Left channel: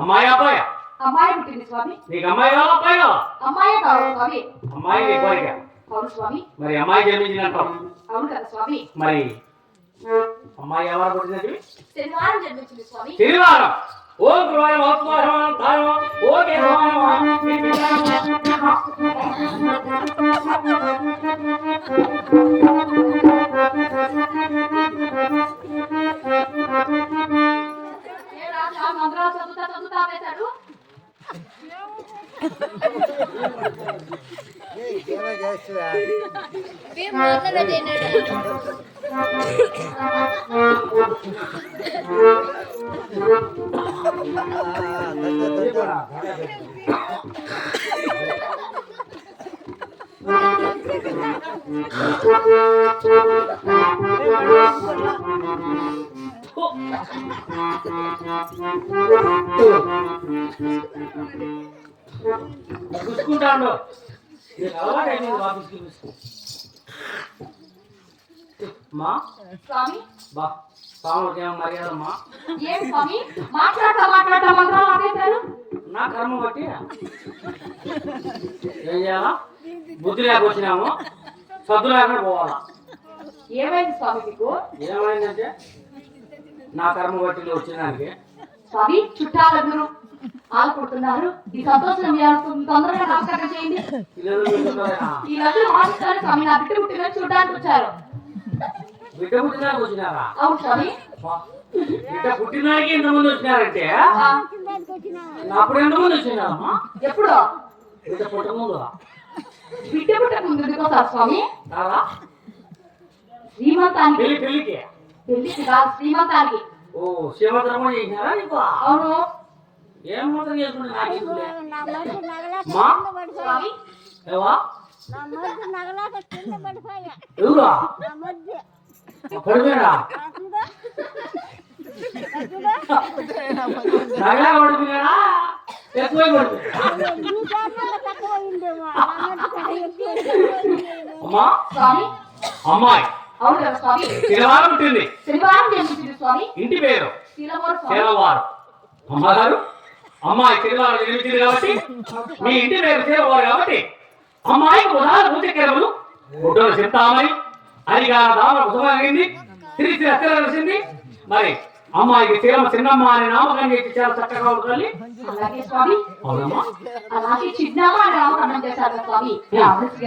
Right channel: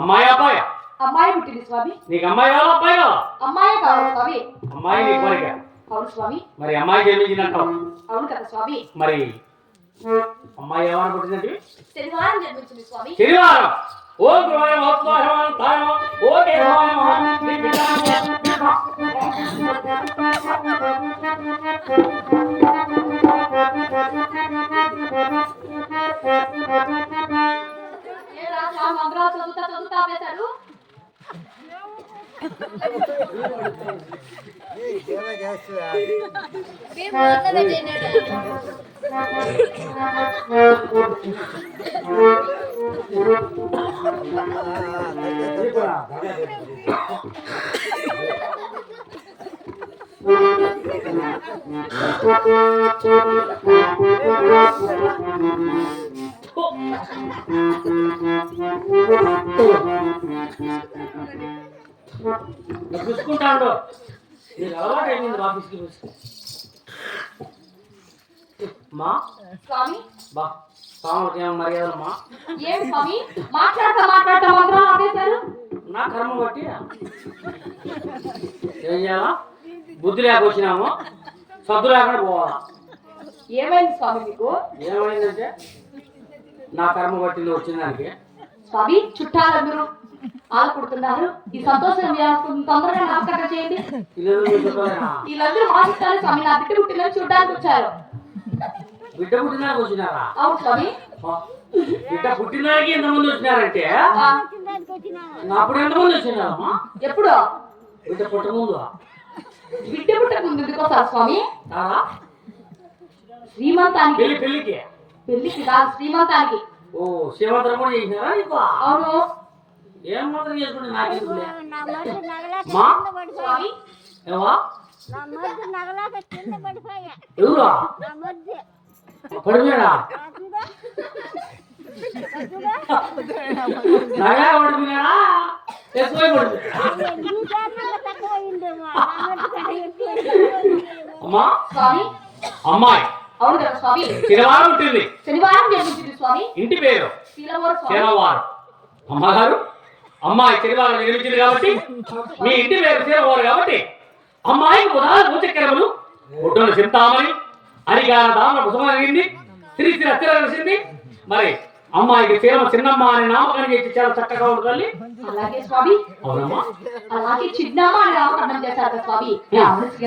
అమ్మాయి అబ్బాయి? అమ్మాయి పుట్టింది స్వామి. నీకు అమ్మాయి కావాలా అబ్బాయి కావాలా? అమ్మాయి కావాలి స్వామి. అమ్మాయి నీ కోరిక? అవును స్వామి. మరి అమ్మాయి జన్మించినట్టావు? అవును కదా స్వామి. మరి అమ్మాయి ఎవరు పుట్టినది? శనివారం జన్మించింది స్వామి. శనివారం. ఓ గురువారం ఓకే చదువుతా వేశాడు. చూసుకుంటాడు. మా స్వామి బా స్వామికి ఏమో మర్యాదమ్మా. ఏం స్వామి మాట్లాడతా మంత్రాలు ఆపేశారు. నా కర్మ బట్టి ఏం చేయాలా? బుద్ధి లేకొచ్చినాము, సద్దు లేకుండా పోవాలా. ఏమైంది స్వామి మీకు? ఏమైందంటే నా కర్మ బట్టి వచ్చిన దానికి స్వామి చుట్టాలందరూ ఆడుకుంటున్నారు. ఈ సంతోషం తొందరగా నామకరణం చేయండి. ఈ రోజు మాట్లాడారు స్వామి. నా బిడ్డ పుట్టిన చూడడానికి వచ్చారు. బిడ్డ పుట్టినానికి వచ్చినారా? అవును స్వామి. బిడ్డ పుట్టినానికి ఎంతమంది వచ్చినారంటే అప్పుడు ఎంతమంది వచ్చినారమ్మా? ఎప్పుడు? బిడ్డ పుట్ట ముందు. బిడ్డ పుట్టక ముందు ఎందుకోసారు స్వామి? శ్రీమంతానికి. పెళ్లికి కాదు, శ్రీమంతానికి. ఓ శ్రీమంతం కూడా చేసినారా నీకు? అవును. ఏం మాత్రం చేసుకుంటే నాకు ఎవరా పడిపోయారా? నగా పడిపోయారా? ఎక్కువ అమ్మా అమ్మాయి అవును కదా స్వామి. శనివారం ఉంటుంది. శనివారం జన్మించింది స్వామి. ఇంటి పేరు శనివారం. అమ్మగారు అమ్మాయి శనివారం జన్మించింది కాబట్టి మీ ఇంటి పేరు శనివారం కాబట్టి అమ్మాయికి ఉదాహరణ చక్కెరములు ఒడ్డున చెప్తామని అనిగా దామ కుసమైంది తిరిగి రచ్చింది. మరి అమ్మాయికి తీరం చిన్నమ్మ అని నామకరణం చేసి చాలా చక్కగా ఉంటుంది. అలాగే స్వామి. అలాగే చిన్నమ్మ అని నామకరణం చేశారు స్వామి.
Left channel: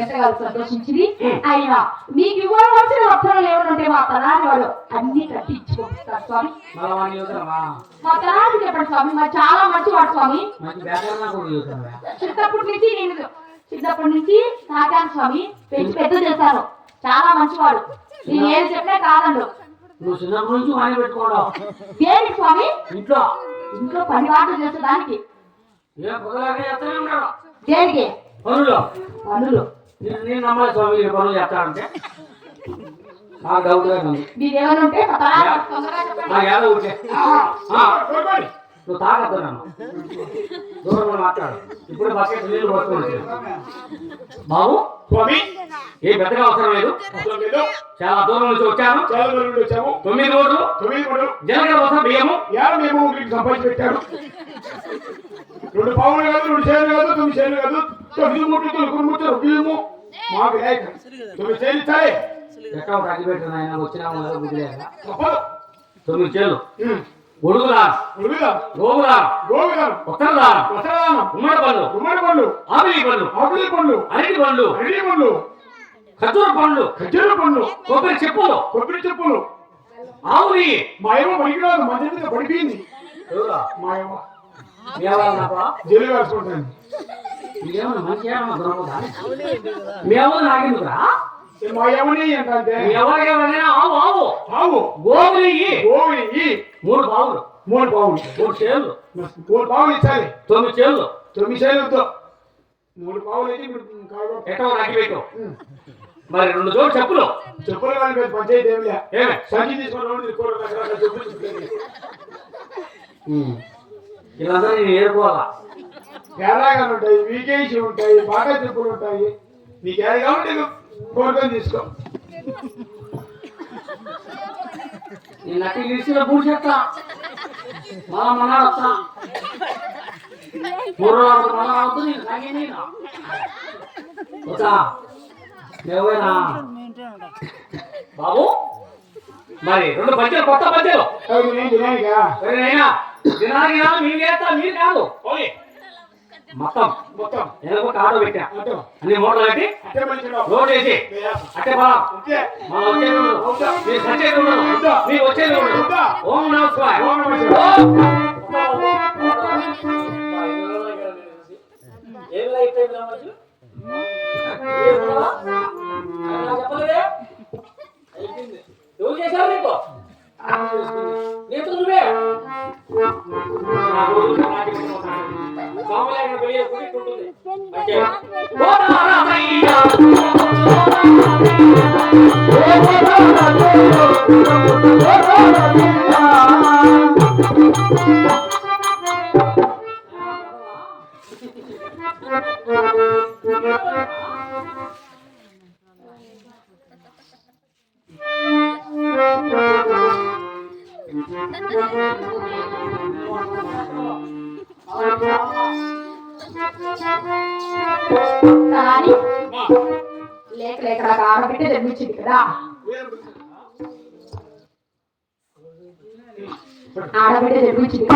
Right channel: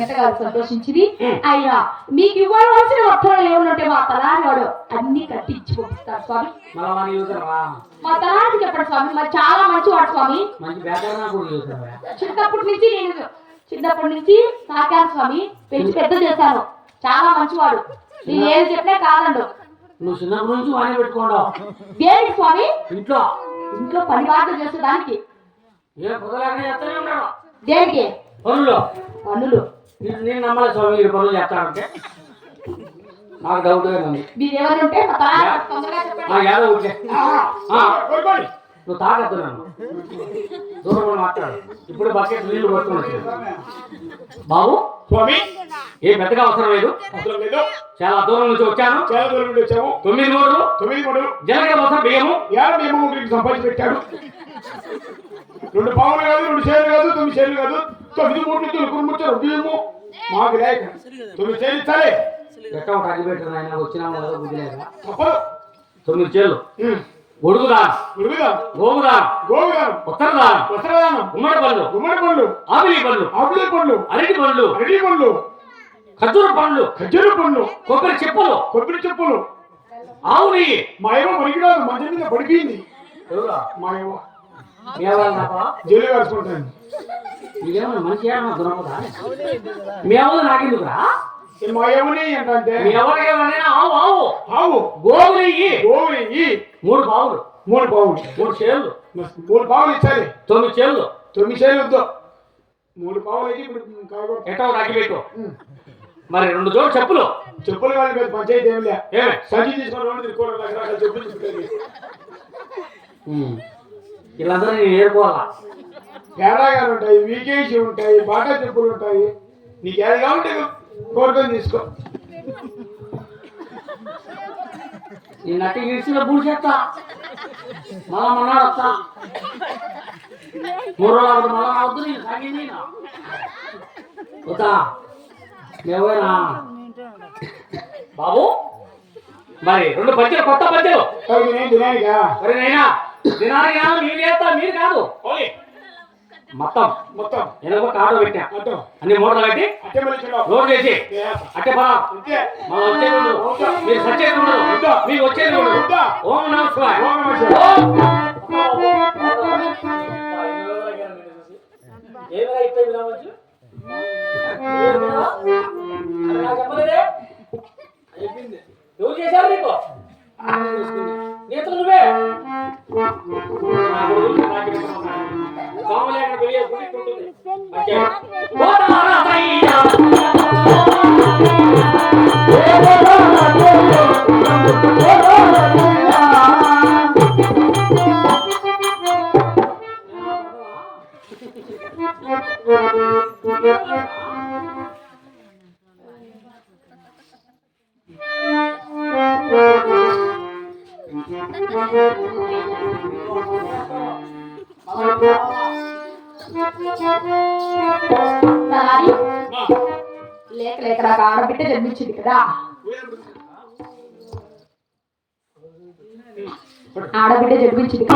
ఎంతగా సంతోషించింది. ఆయన మీకు ఇవ్వవలసిన వస్త్రాలు ఏమనుంటే మా తలారి వాడు అన్ని కట్టించి పంపిస్తారు స్వామి. మా తలారి చెప్పండి స్వామి. మరి చాలా మంచివాడు స్వామి. చిన్నప్పటి నుంచి నాకారు స్వామి. పెంచి పెద్ద చేశారు. చాలా మంచివాడు. నేను ఏం చెప్పినా కాదండు. నువ్వు చిన్నప్పటి నుంచి వాణి పెట్టుకోవడం దేనికి స్వామి? ఇంట్లో ఇంట్లో పని వాటలు చేసేదానికి. దేనికి? పనులు. నేను నమ్మలేదు స్వామి మీరు పనులు చేస్తానంటే నాకు డౌట్ ఉంది. మీరు ఎవరుంటే నువ్వు తాగద్దు నన్ను దూరంలో మాట్లాడు. ఇప్పుడు బకెట్ నీళ్ళు పట్టుకోవచ్చు బాబు. స్వామి ఏం పెద్దగా అవసరం లేదు. చాలా దూరం నుంచి వచ్చాను. 9 రోజులు జనగల కోసం బియ్యము సంపాదించి పెట్టాడు. 2 పావులు కాదు, 2 చేలు కాదు, 9 చేలు కాదు, 9 మూటలు బియ్యము మాకు లేక 9 చేలు ఇచ్చాయి. ఎక్కడ కట్టి పెట్టాను ఆయన వచ్చినా 9 చేలు గొడుగుదానం, గోగుదానం, ఉత్తరదానం, గుమ్మడి పళ్ళు, ఆపిలి పళ్ళు, అరటి పళ్ళు, ఖర్జూర పండ్లు, కొబ్బరి చెప్పులు, ఆవు నెయ్యి. మా ఏమో పనికిరాదు, మా మీద పడిపోయింది. మా ఏమో జైలు వేసుకుంటాను. ఇదేమన్నా మంచి మేము నాకెందుకురా? మా ఏమని ఏంటంటే ఆవు గోవు నెయ్యి 3 పావులు, 3 చేళ్ళు, 3 పావులు ఇచ్చాలి. 9 చేళ్ళు, 9 చేలు 3 పావులు అయితే ఇప్పుడు ఎట్టో రాకి పెట్టు. మరి 2 జోడు చెప్పులు కానీ మీరు పంచాయతీ ఏమి సంచి తీసుకుని చెప్పులు వీళ్ళందరూ నేను ఏరుకోవాలా? తేడాగానే ఉంటాయి, వీకేసి ఉంటాయి, బాగా చెప్పులు ఉంటాయి. నీకు ఏది కాబట్టి కోరుకొని తీసుకో. నేను అట్టి ఇడిచిన పూజ మళ్ళా మొన్నాడు వస్తా పూర్వరాడు మళ్ళా రావద్దు నేను సాగింది ఎవరా బాబు మరి 2 పద్యాలు కొత్త పద్యాలు దినానికా దినానికి మీరు చేస్తా మీరు కాదు మొత్తం మొత్తం నేను ఒక ఆటో పెట్టా అటు అన్ని మూటలు పెట్టి అట్టే మంచిగా లోడ్ చేసి అట్టే బా అంతే మనం వచ్చేది ఉండదు మీరు సచ్చేది ఉండదు మీరు వచ్చేది ఉండదు ఓం నమస్కారం ఓం నమస్కారం. చెప్పలేదే ఎవరు చేశారు నీకు నేతలు నువ్వే లేక లేక నాకు ఆడబిడ్డ జన్మించింది కదా ఆడబిడ్డ జన్మించింది